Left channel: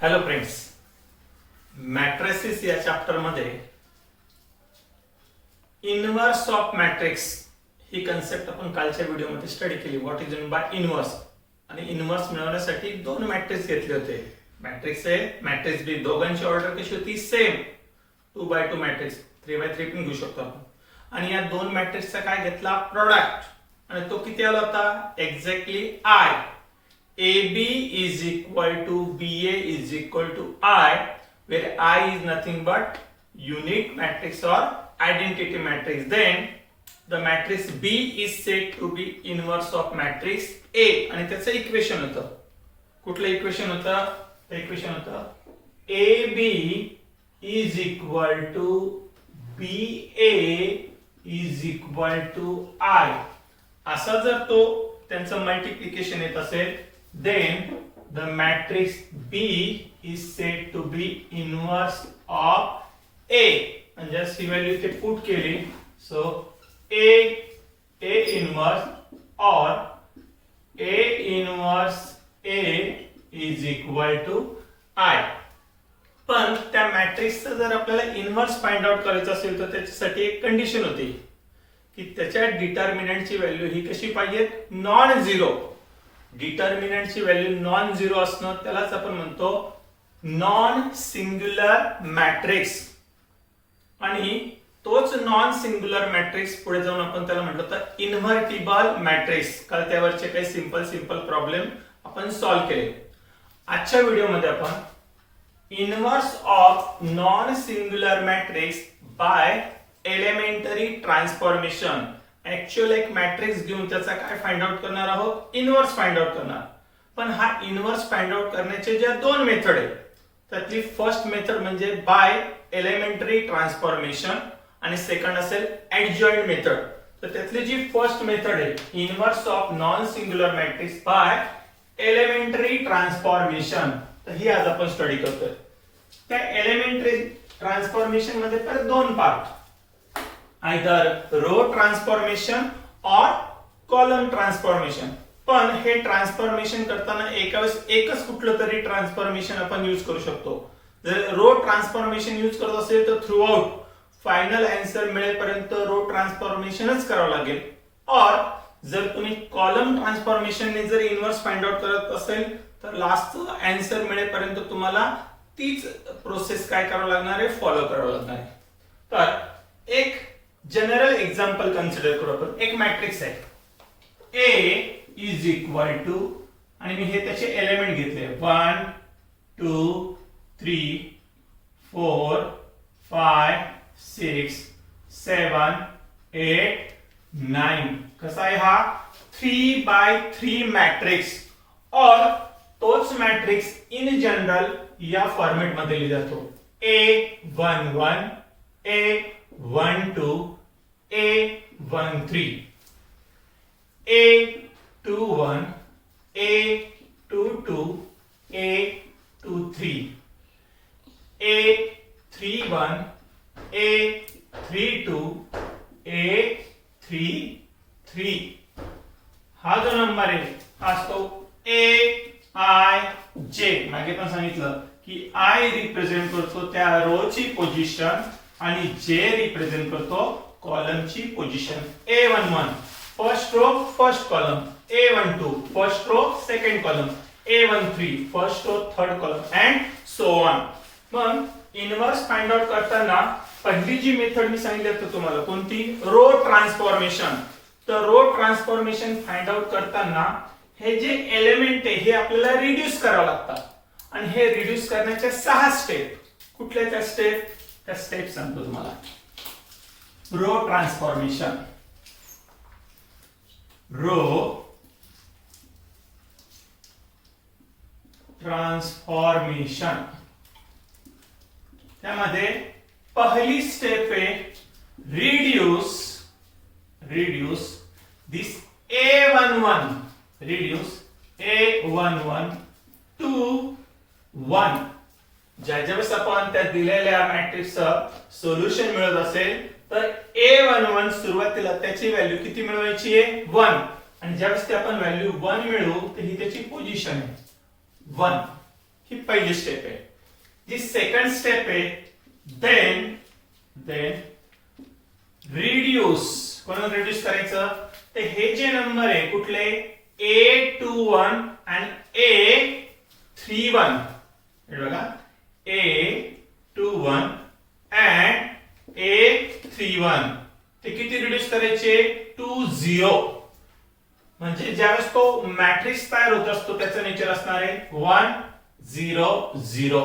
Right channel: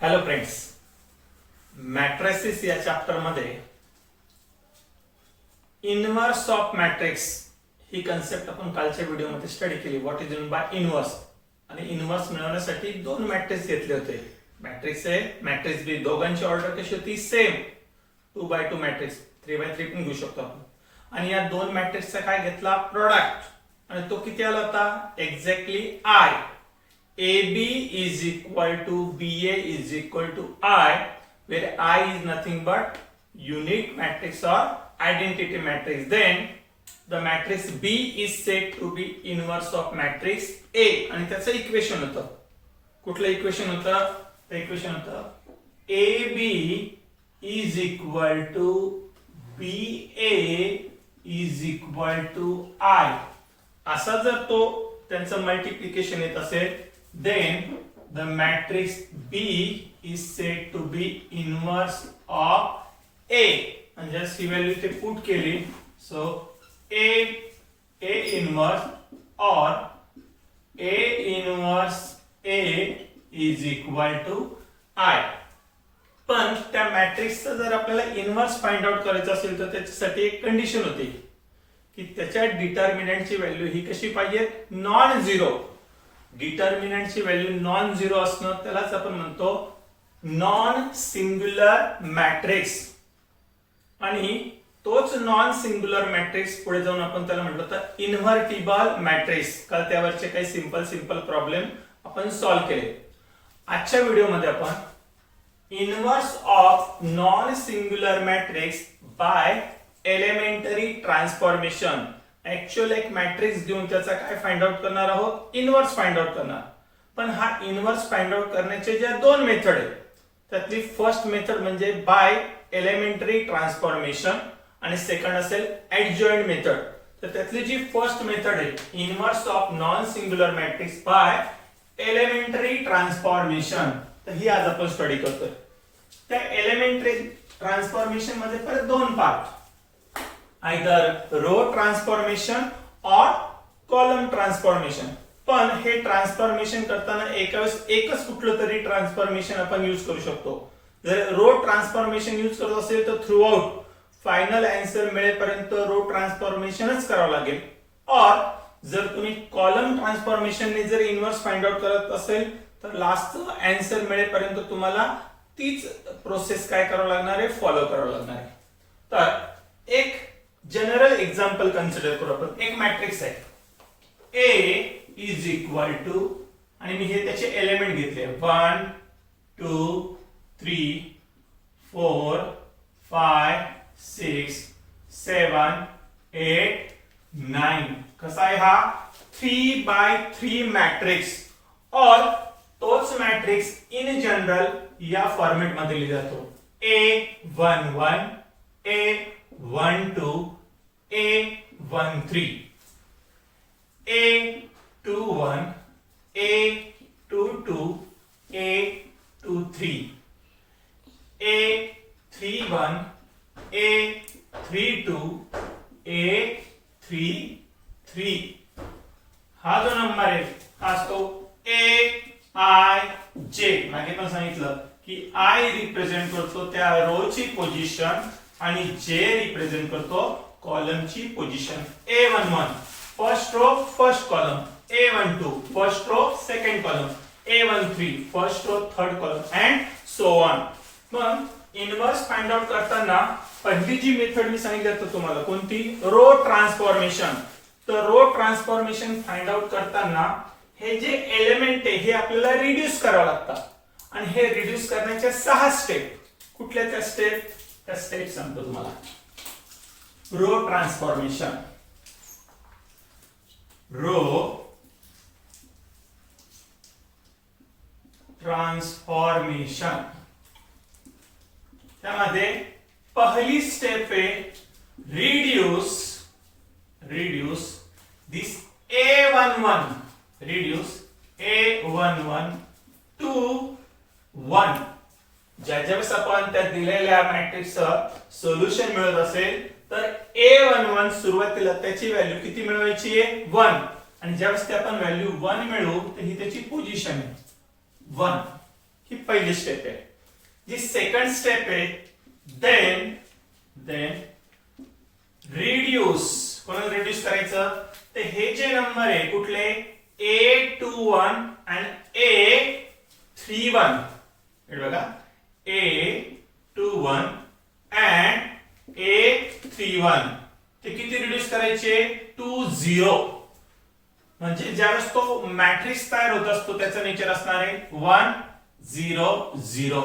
Hello friends, matrices या chapter मध्ये inverse of matrix he concept आपण कालच्या व्हिडिओमध्ये स्टडी केली. What is mean by inverse. आणि इनव्हर्स मिळवण्यासाठी दोन मॅट्रिक्स घेतले होते. मॅट्रिक्स ए, मॅट्रिक्स बी. दोघांची ऑर्डर कशी होती? सेम. 2x2 मॅट्रिक्स, 3x3 पण घेऊ शकतो आपण. आणि या दोन मॅट्रिक्सचा काय घेतला? प्रोडक्ट. आणि तो किती आला होता? Exactly I. AB is equal to BA is equal to I, where I is nothing but unit matrix or identity matrix. Then the matrix B is said to be inverse of matrix A. आणि त्याचं equation होतं. कुठलं equation होतं? ते equation होतं AB is equal to BA is equal to I. असा जर तो त्यांचं मल्टिप्लिकेशन येत असेल, then the matrix B is said to be inverse of A. And just he value इथे पुट केली, so A inverse or A inverse A is equal to I. पण त्या मॅट्रिक्सचं जर आपल्याला इनव्हर्स फाइंड आउट करायचं असेल तर त्याच्यासाठी एक कंडिशन होती की त्याच्या डिटर्मिनंटची व्हॅल्यू ही कशी पाहिजे? Non zero. डिटर्मिनंटची व्हॅल्यू नॉन झिरो असणं त्यालाच आपण म्हणतो नॉन सिंग्युलर मॅट्रिक्स. आणि तोच नॉन सिंग्युलर मॅट्रिक्स पुढे जाऊन आपण त्याला म्हटलं तर इन्व्हर्टिबल मॅट्रिक्स. काल त्यावरचे काही सिंपल प्रॉब्लेम आपण सॉल्व्ह केले. आजच्या व्हिडिओमध्ये आपण inverse of non singular matrix by elementary transformation. Actual एक मॅट्रिक्स घेऊन त्याचा काय फाइंड आउट करणार आहोत? इनव्हर्स फाइंड आउट करणार. पण हा इनव्हर्स फाइंड आउट करण्याचे ज्या दोन मेथड आहेत त्यातली फर्स्ट मेथड म्हणजे बाय एलिमेंटरी ट्रान्सफॉर्मेशन आणि सेकंड असेल ऍडजॉइंट मेथड. तर त्यातली जी फर्स्ट मेथड आहे inverse of non singular matrix by elementary transformation, तर ही आज आपण स्टडी करतोय. त्या एलिमेंटरी ट्रान्सफॉर्मेशन मध्ये परत दोन पार्ट, आयदर रो ट्रान्सफॉर्मेशन और कॉलम ट्रान्सफॉर्मेशन. पण हे ट्रान्सफॉर्मेशन करताना एका वेळेस एकच कुठलं तरी ट्रान्सफॉर्मेशन आपण यूज करू शकतो. जर रो ट्रान्सफॉर्मेशन यूज करत असेल तर थ्रू आउट फायनल आन्सर मिळेपर्यंत रो ट्रान्सफॉर्मेशनच करावं लागेल. और जर तुम्ही कॉलम ट्रान्सफॉर्मेशनने जर इनव्हर्स फाइंड आउट करत असेल तर लास्टचं आन्सर मिळेपर्यंत तुम्हाला तीच प्रोसेस काय करावं लागणार आहे? फॉलो करावं लागणार आहे. तर एक जनरल एग्जांपल कन्सिडर करू आपण. एक मॅट्रिक्स आहे A इज इक्वल टू, आणि मी हे त्याचे एलिमेंट घेतले 1 2 3 4 5 6 7 8 9. कसा आहे हा? 3x3 matrix. और तोच मॅट्रिक्स इन जनरल या फॉर्मेट मध्ये लिहिला जातो A11 A12 A13 A21 A22 A23 A31 A32 A33. हा जो नंबर आहे हा असतो AIJ. मागे पण सांगितलं की I रिप्रेझेंट करतो त्या रोची पोझिशन आणि J रिप्रेझेंट करतो कॉलमची position. A11 first row first column, A12 first row second column, A13 first row third column and so on. मग इनव्हर्स फाइंड आउट करताना पहिली जी मेथड मी सांगितली होती तुम्हाला, कोणती? Row transformation. तर रो ट्रान्सफॉर्मेशन फाइंड आउट करताना हे जे एलिमेंट आहे हे आपल्याला रिड्यूस करावं लागतात. आणि हे रिड्यूस करण्याच्या 6 स्टेप. कुठल्या त्या स्टेप? त्या स्टेप सांगतो तुम्हाला. Row transformation, row transformation. त्यामध्ये पहिली स्टेप आहे reduce this A11, reduce A11 to 1. ज्यावेळेस आपण त्या दिलेल्या मॅट्रिक्सचं सोल्युशन मिळत असेल तर A11 सुरुवातीला त्याची व्हॅल्यू किती मिळवायची आहे? 1. आणि ज्यावेळेस ते आपण व्हॅल्यू 1 मिळवू तर ही त्याची पोझिशन आहे 1. ही पहिली स्टेप आहे. जी सेकंड स्टेप आहे, देन रिड्यूस. कोणाला रिड्यूस करायचं? तर हे जे नंबर आहे कुठले, A21 आणि A31, बघा A21 and A31 ते किती रिड्यूस करायचे? टू 0. म्हणजे ज्यावेळेस तो मॅट्रिक्स तयार होत असतो त्याचं नेचर असणार आहे 1 0 0.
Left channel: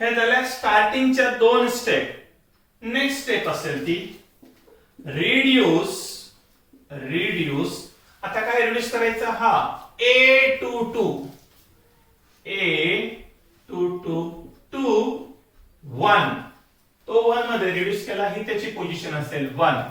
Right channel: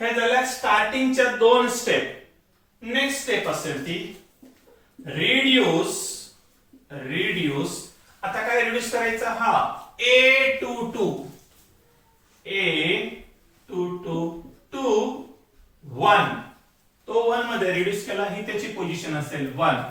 हे झाल्या स्टार्टिंगच्या दोन स्टेप. नेक्स्ट स्टेप असेल ती रिड्यूस. आता काय रिड्यूस करायचं? हा A22 टू 1. तो 1 मध्ये रिड्यूस केला, ही त्याची पोझिशन असेल 1.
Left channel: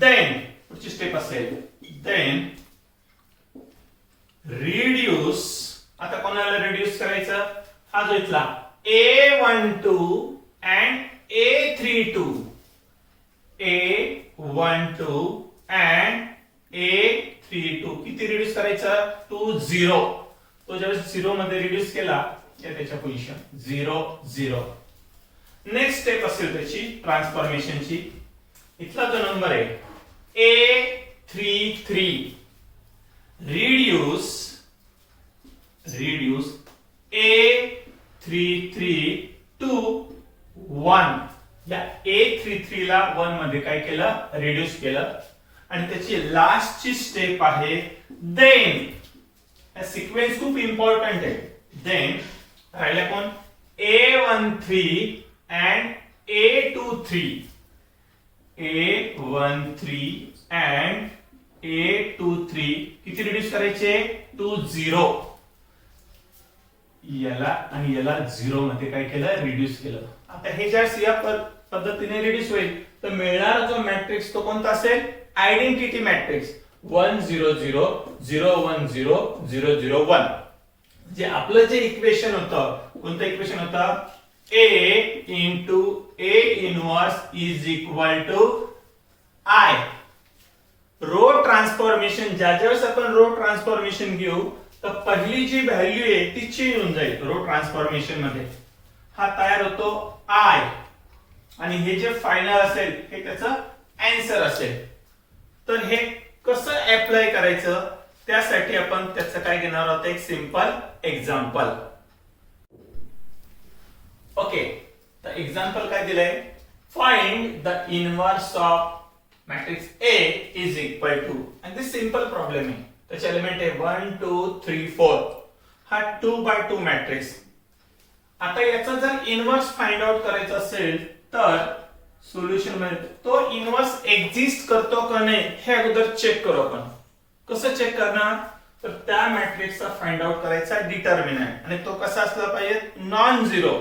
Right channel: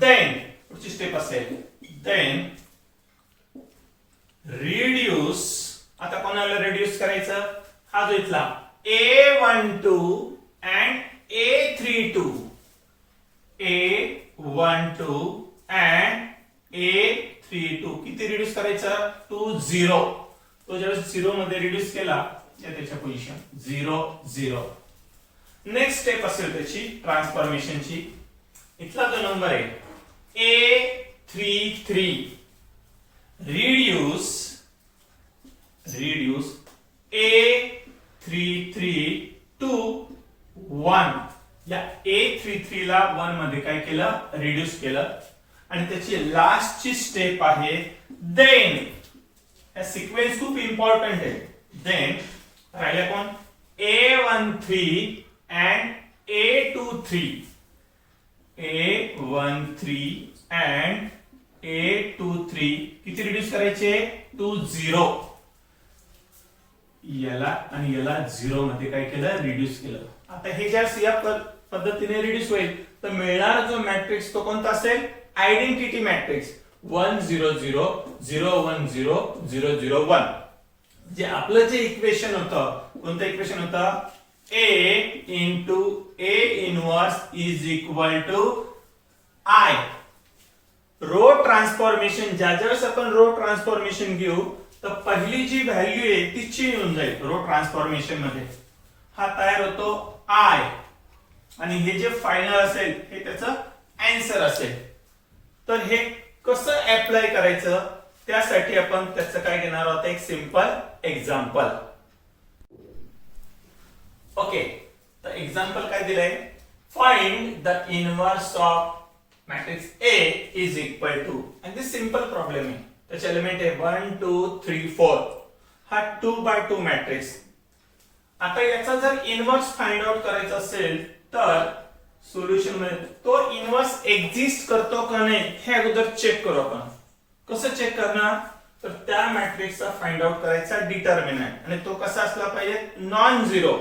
देन पुढची स्टेप असेल देन रिड्यूस. आता कोणाला रिड्यूस करायचं? हा जो इथला A12 and A32. A12 and A32 किती रिड्यूस करायचं? टू 0. तो ज्यावेळेस 0 मध्ये रिड्यूस केला त्याच्या पोझिशन 0 0. नेक्स्ट स्टेप असेल त्याची ट्रान्सफॉर्मेशनची. इथला जो नंबर आहे A33 रिड्यूस A33 टू 1. या A33 ला 1 मध्ये काय केलं? रिड्यूस केलं. आणि त्याची लास्टची स्टेप आहे देन. सिक्वेन्स खूप इम्पॉर्टंट आहे. देन राहिला कोण? A13 and A23. A13 and A23 किती रिड्यूस करायचे? टू 0. याला आणि याला 0 मध्ये काय केलं? रिड्यूस केलं. आता हे ज्या या पद्धतीने रिड्यूस होईल तर मिळणारा जो मॅट्रिक्स तो कोणता असेल? Identity matrix 1 0 0 0 1 0 0 0 1. जे आपलं जे इक्वेशन होतं, कोणतं इक्वेशन होतं? A into A inverse is equal to I. Row transformation ज्यावेळेस आपण रो ट्रान्सफॉर्मेशन घेऊ तर पहिली जी व्हॅल्यू आहे ती चेंज होऊन जाईल रो ट्रान्सफॉर्मेशन मध्ये. हा तयार होतो I आणि हे जे फायनल असेल हे त्याचं आन्सर असेल. तर हे कसं अप्लाय करायचं त्यासाठी आपण त्याचं काय घेणार आहोत? एक सिंपल एक्झाम्पल. ओके, तर एक्झाम्पल काय दिलंय? Find the inverse of matrix A is equal to, आणि दिस सिंपल प्रॉब्लेम आहे. त्याचे एलिमेंट आहे 1 2 3 4. हा 2x2 मॅट्रिक्स. आता याचा जर इनवर्स फाइंड आउट करायचा असेल तर सोल्युशन मध्ये तो इनवर्स एक्झिस्ट करतो का नाही हे अगोदर चेक करू आपण. कसं चेक करणार? तर त्या मॅट्रिक्सचा फाइंड आउट करायचा डिटर्मिनंट, आणि तो कसा असला पाहिजे? Non zero.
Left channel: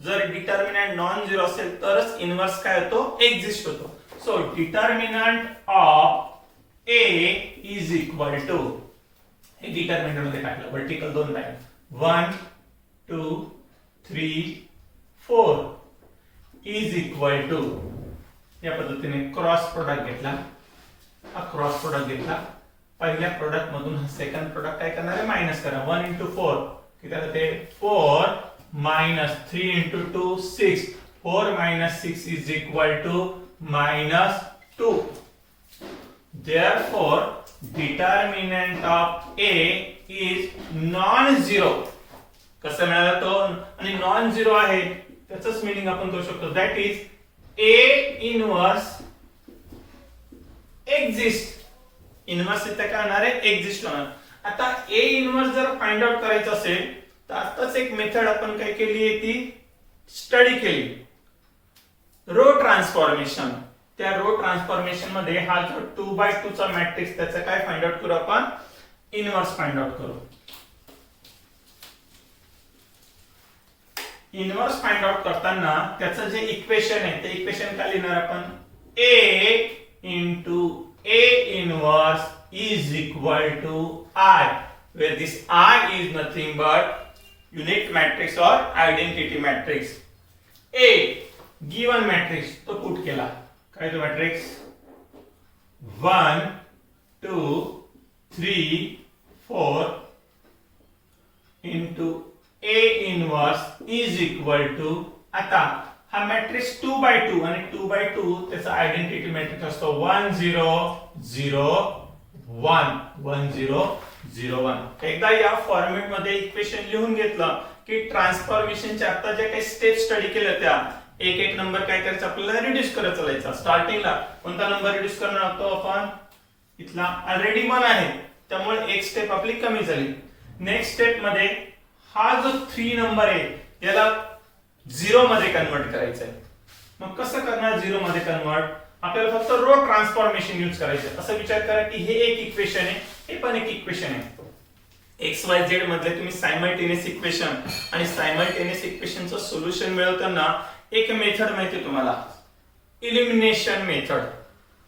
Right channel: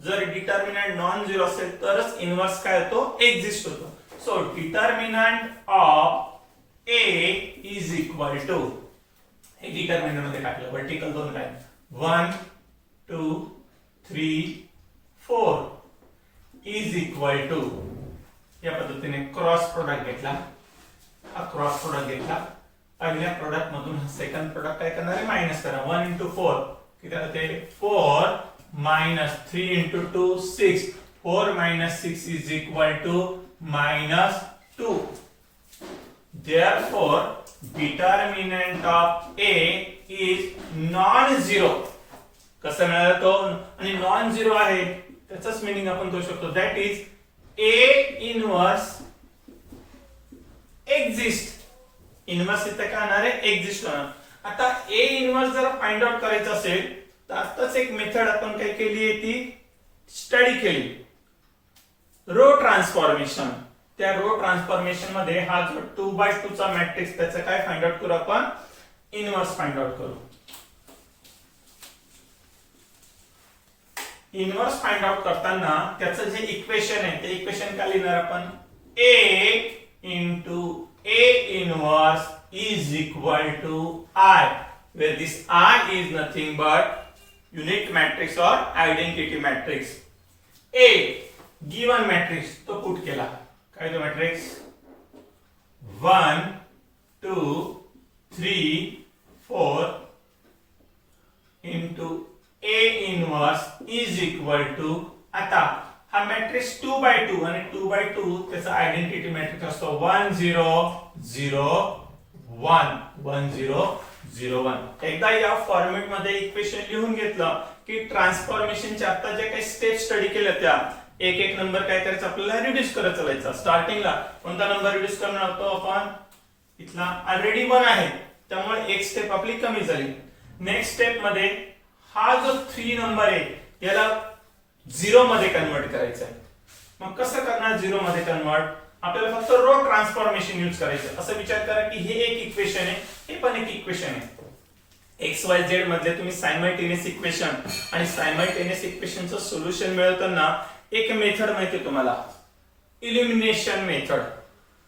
जर डिटर्मिनंट नॉन झिरो असेल तरच इनवर्स काय होतो? एक्झिस्ट होतो. So determinant of A is equal to, हे डिटर्मिनंट मध्ये टाकलं vertical 2 line 1 2 3 4 is equal to. या पद्धतीने क्रॉस प्रोडक्ट घेतला. हा क्रॉस प्रोडक्ट घेतला. पहिल्या प्रोडक्ट मधून हा सेकंड प्रोडक्ट काय करणार आहे? मायनस करा. 1 into 4 किती होते? 4 minus 3 into 2 6. 4 minus 6 is equal to minus 2. Therefore, determinant of A is non-zero. कसं मिळालं तो? आणि नॉन झिरो आहे त्याचंच मीनिंग आपण करू शकतो. That is A inverse exist. Inverse इथे काय होणार आहे? एक्झिस्ट होणार. आता A इनवर्स जर फाइंड आउट करायचं असेल तर आताच एक मेथड आपण काय केली आहे ती स्टडी केली, रो ट्रान्सफॉर्मेशन. त्या रो ट्रान्सफॉर्मेशन मध्ये हा जो 2x2 चा मॅट्रिक्स त्याचं काय फाइंड आउट करू आपण? इनवर्स फाइंड आउट करू. इनवर्स फाइंड आउट करताना त्याचं जे इक्वेशन आहे ते इक्वेशन काय लिहिणार आपण? A into A inverse is equal to I, where this I is nothing but unit matrix or identity matrix. A given matrix तो पुट केला. काय तो matrix? 1 2 3 4 into A inverse is equal to, आता हा matrix 2x2 आणि 2x2 त्याचा identity matrix असतो 1 0 0 1 1 0 0 1. एकदा या फॉर्मॅट मध्ये इक्वेशन लिहून घेतलं की ट्रान्सफॉर्मेशनच्या आता ज्या काही स्टेप स्टडी केल्या त्या एक एक नंबर काय करायचं आपल्याला रिड्यूस करत चालायचा. स्टार्टिंगला कोणता नंबर रिड्यूस करणार होतो आपण, इथला ऑलरेडी 1 आहे त्यामुळे एक स्टेप आपली कमी झाली. नेक्स्ट स्टेप मध्ये हा जो 3 नंबर आहे याला 0 मध्ये कन्वर्ट करायचा आहे. मग कसं करणार 0 मध्ये कन्वर्ट, आपल्याला फक्त रो ट्रान्सफॉर्मेशन यूज करायचं. असं विचार करा की हे एक इक्वेशन आहे, हे पण एक इक्वेशन आहे. एक्स वाय झेड मधले तुम्ही सायमल्टेनियस इक्वेशन आणि सायमल्टेनियस इक्वेशनचं सोल्युशन मिळवताना एक मेथड माहिती आहे तुम्हाला, इलिमिनेशन मेथड.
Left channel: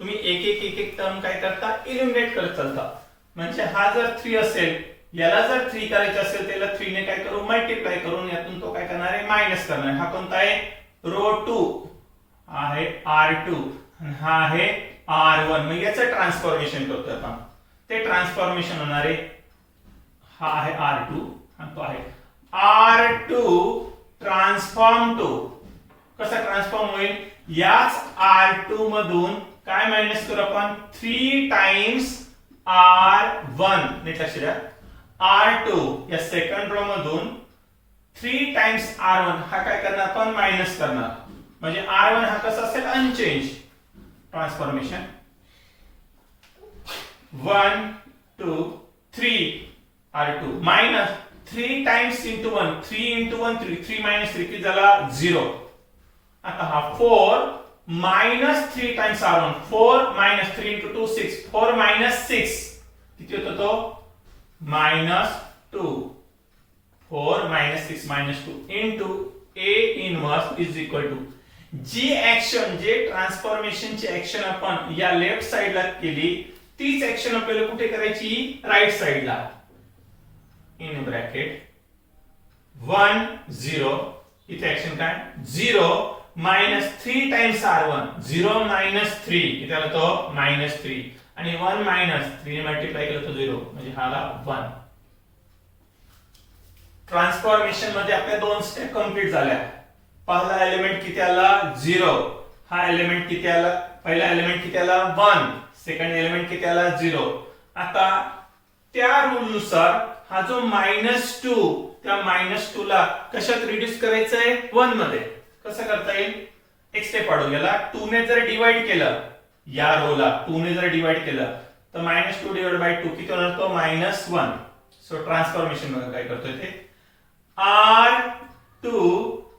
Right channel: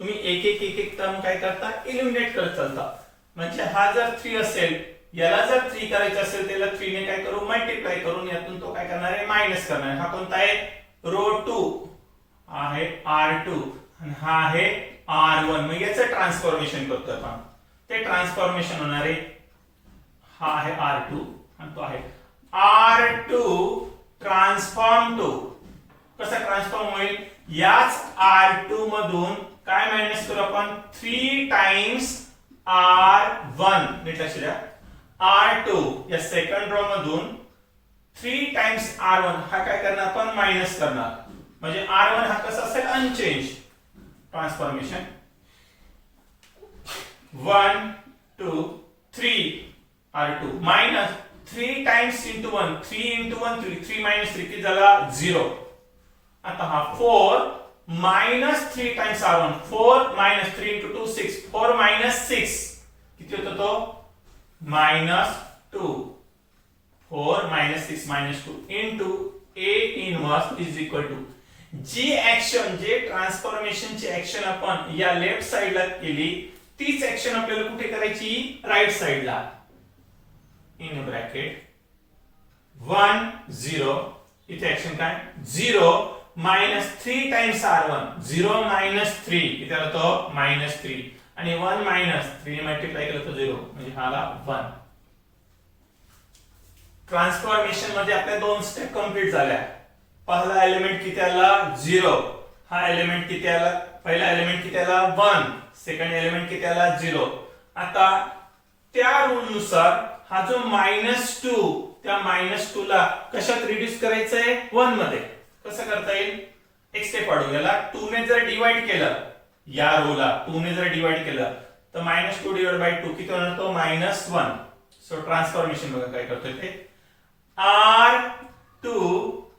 तुम्ही एक एक टर्म काय करता, इलिमिनेट करत चालता. म्हणजे हा जर 3 असेल, याला जर 3 करायचे असेल त्याला 3 ने काय करू, मल्टिप्लाय करून यातून तो काय करणार आहे, मायनस करणार आहे. हा कोणता आहे, रो 2 आहे R2 आणि हा आहे R1. मग याचं ट्रान्सफॉर्मेशन करतो आपण, ते ट्रान्सफॉर्मेशन होणार आहे, हा आहे R2 आणि तो आहे R2 ट्रान्सफॉर्म टू. कसं ट्रान्सफॉर्म होईल, याच R2 मधून काय मायनस करू आपण, 3 टाइम्स R1. नीट लक्ष द्या, R2 या सेकंड रो मधून 3 टाइम्स R1 हा काय करणार आपण, मायनस करणार. म्हणजे R1 हा कसा असेल, unchanged. Transformation 1 2 3 R2 minus 3 times into 1, 3 into 1 3, 3 minus 3 किती झाला, 0. आता हा 4 minus 3 times R1, 4 minus 3 into 2 6, 4 minus 6 किती होतो तो, minus 2. 4 minus 6 minus 2 into A inverse is equal to, जी ऍक्शन, जे ट्रान्सफॉर्मेशनची ऍक्शन आपण या लेफ्ट साइडला केली तीच ऍक्शन आपल्याला कुठे करायची, राइट साइडला. इन ब्रॅकेट 1 0, इथे ऍक्शन काय, 0 मायनस 3 टाइम्स R1, 0 मायनस 3 किती आला तो, मायनस 3. आणि 1 मायनस 3 ने मल्टिप्लाय केलं तर 0, म्हणजे हा आला 1. ट्रान्सफॉर्मेशन मध्ये आपल्या 2 स्टेप कंप्लीट झाल्या. पहिला एलिमेंट किती आला, 0. हा एलिमेंट किती आला, पहिला एलिमेंट किती आला, 1. सेकंड एलिमेंट किती आला, 0. आता त्या रूल नुसार हा जो -2, त्या -2 ला कशात रिड्यूस करायचं आहे, 1 मध्ये. कसं करता येईल, एक स्टेप वाढून गेला, 2 ने जर डिवाइड केलं या रोला, 2 ने जर डिवाइड केलं तर -2 डिवाइड बाय 2 किती होणार, तो -1. सो ट्रान्सफॉर्मेशन बघा काय करतोय ते, R2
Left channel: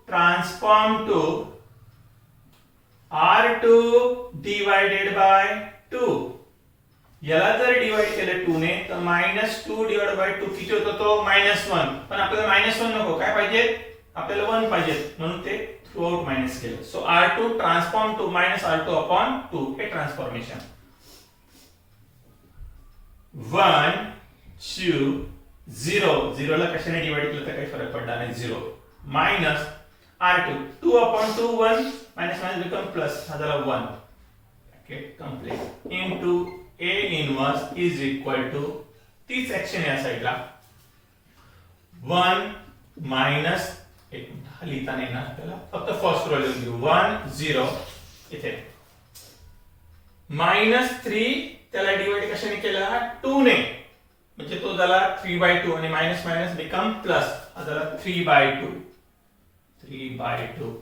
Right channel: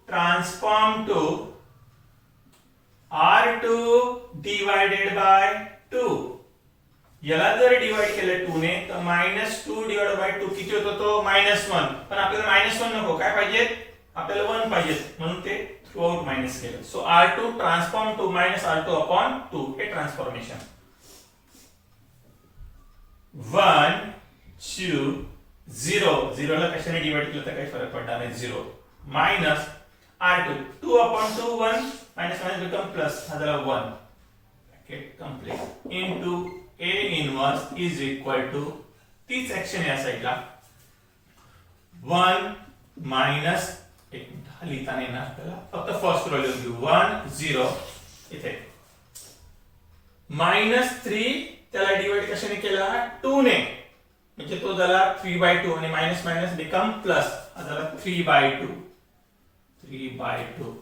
transform to R2 divided by 2. याला जर डिवाइड केलं 2 ने तर -2 डिवाइड बाय 2 किती होतो तो, -1. पण आपल्याला -1 नको, काय पाहिजे, आपल्याला 1 पाहिजे, म्हणून ते थ्रू आउट मायनस केलं. So R2 transform to minus R2 upon 2 हे ट्रान्सफॉर्मेशन. 1 2 0, 0 ला कशाने डिवाइड केलं तर काही फरक पडला नाही, 0 minus R2 2 upon 2 1 minus minus become plus, हा झाला 1. Okay, complete. Into A inverse is equal to, तीच ऍक्शन या साइडला, 1 मायनस, एक मिनिट लिहिता नाही ना त्याला, फक्त फर्स्ट रो लिहून घेऊ, 1 0 इथे -3 त्याला डिवाइड कशाने केला, 2 ने, म्हणजे तो झाला 3/2 आणि मायनस मायनस बिकम प्लस, हा झाला 3/2. 3/2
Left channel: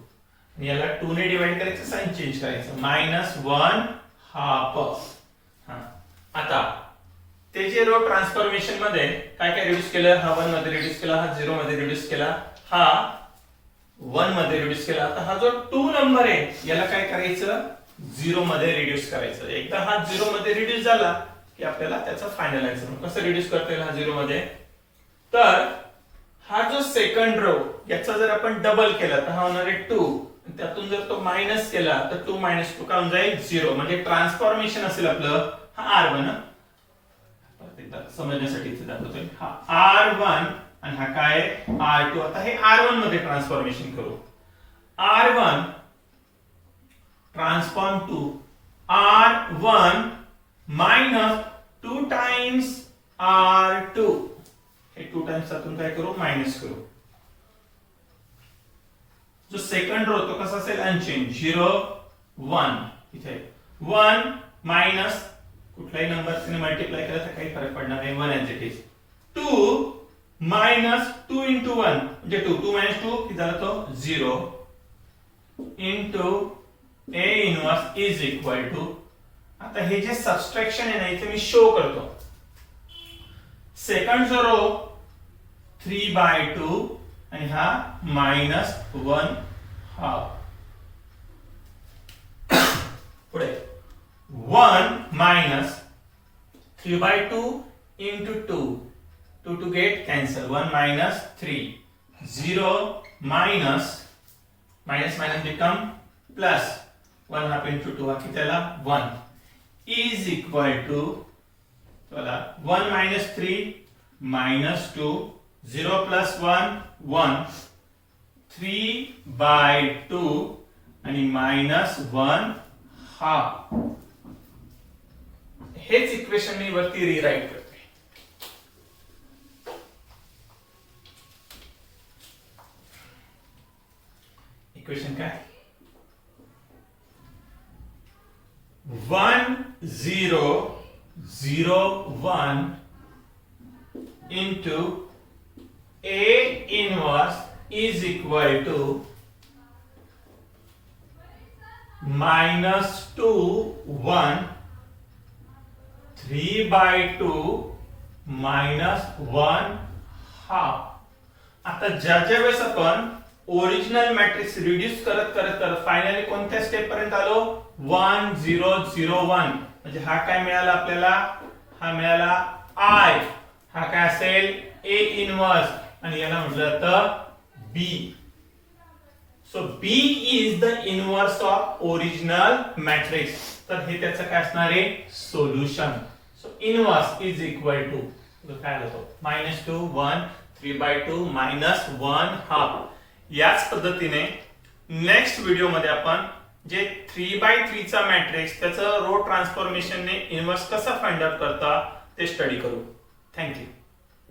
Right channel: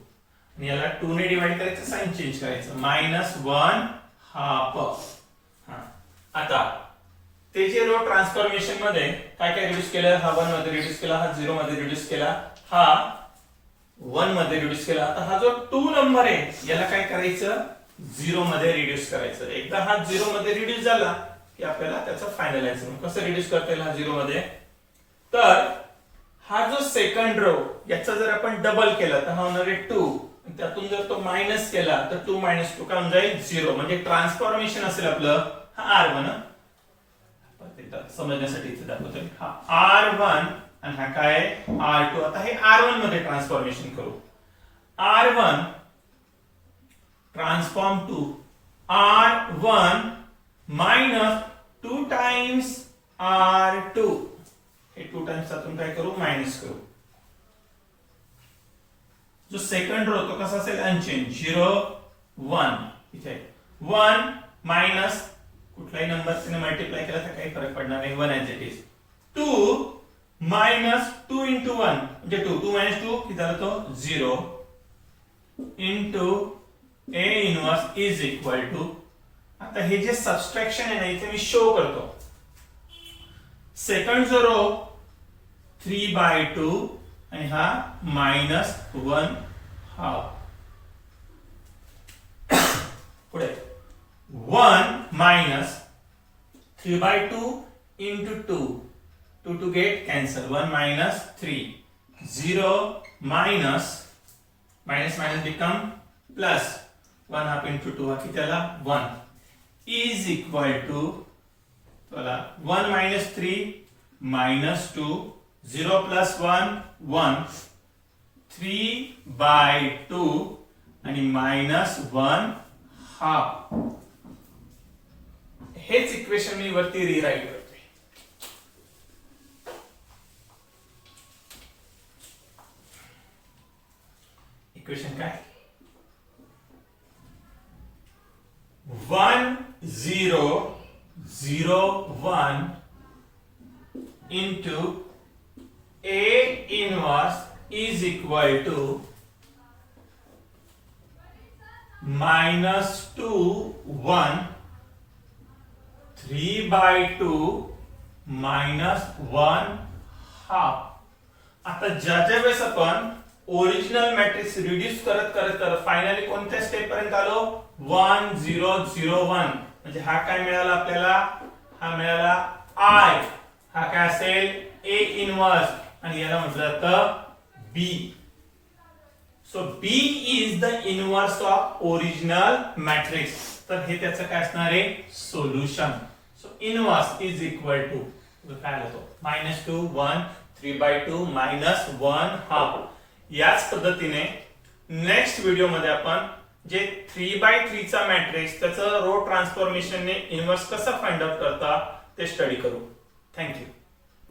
आणि याला 2 ने डिवाइड करायचं, साइन चेंज करायचं, -1 हाफ. आता ते जे रो ट्रान्सफॉर्मेशन मध्ये काय काय रिड्यूस केलं, हा 1 मध्ये रिड्यूस केला, हा 0 मध्ये रिड्यूस केला, हा 1 मध्ये रिड्यूस केला. आता हा जो 2 नंबर आहे याला काय करायचं, 0 मध्ये रिड्यूस करायचं. एकदा हा 0 मध्ये रिड्यूस झाला की आपल्याला त्याचं फायनलाइज करून कसं रिड्यूस करता येईल हा 0 मध्ये, तर हा जो सेकंड रो याचा जर आपण डबल केला तर हा होणार आहे 2. त्यातून जर तो मायनस केला तर 2 - 2 काय होऊन जाईल, 0. म्हणजे ट्रान्सफॉर्मेशन असेल आपलं हा R1. समजण्यासाठी इथे दाखवतोय, हा R1 आणि हा काय R2. आता हे R1 मध्ये ट्रान्सफॉर्मेशन करू, R1 transform to R1 minus 2 times R2. हे 2 टाइम्स आतून काय करू मायनस करू. जो सेकंड रो तो कसा असेल अनचेंज 0 1 इथे 1 मायनस कुठलाही नंबरने मल्टिप्लाय केला तर काही फरक पडणार नाही 1 as it is 2 minus 2 into 1 म्हणजे 2 मायनस 2 किती झाला तो 0 into A inverse is equal to. आता हे जे सबट्रॅक्शन आहे ना इथे मी शो करतो. सेकंड जो रो 3/2 आणि हा -1 हाफ. पुढे 1 minus 3/2 into 2 2 to get cancel 1 minus 3 0 minus become plus 1 half into 2 हा किती आला 1 is equal to 1 minus 3 minus 2 0 plus 1 1 3/2 आणि -1 half. हेच इक्वेशन मी वरती रिराईट करतोय. इक्वेशन काय 1 0 0 1 into A inverse is equal to -2 1 3/2 -1 half. आता ज्या वेळेस आपण ओरिजिनल मॅट्रिक्स रिड्यूस करत करत फायनली कोणत्या स्टेप पर्यंत आलो 1 0 0 1 म्हणजे हा काय मिळाला आपल्याला हा मिळाला I. हा काय असेल A इनवर्स आणि याला म्हटलं जातं B. So B is the inverse of original matrix. तर हे त्याचं काय असणार आहे solution. So inverse is equal to काय होतो -2 1 3/2 -1 हाफ. याच पद्धतीने नेक्स्ट व्हिडिओ मध्ये आपण जे 3/3 चा मॅट्रिक्स त्याचं रो ट्रान्सफॉर्मेशनने इनवर्स कसं फाइंड आउट करता ते स्टडी करू. थँक्यू.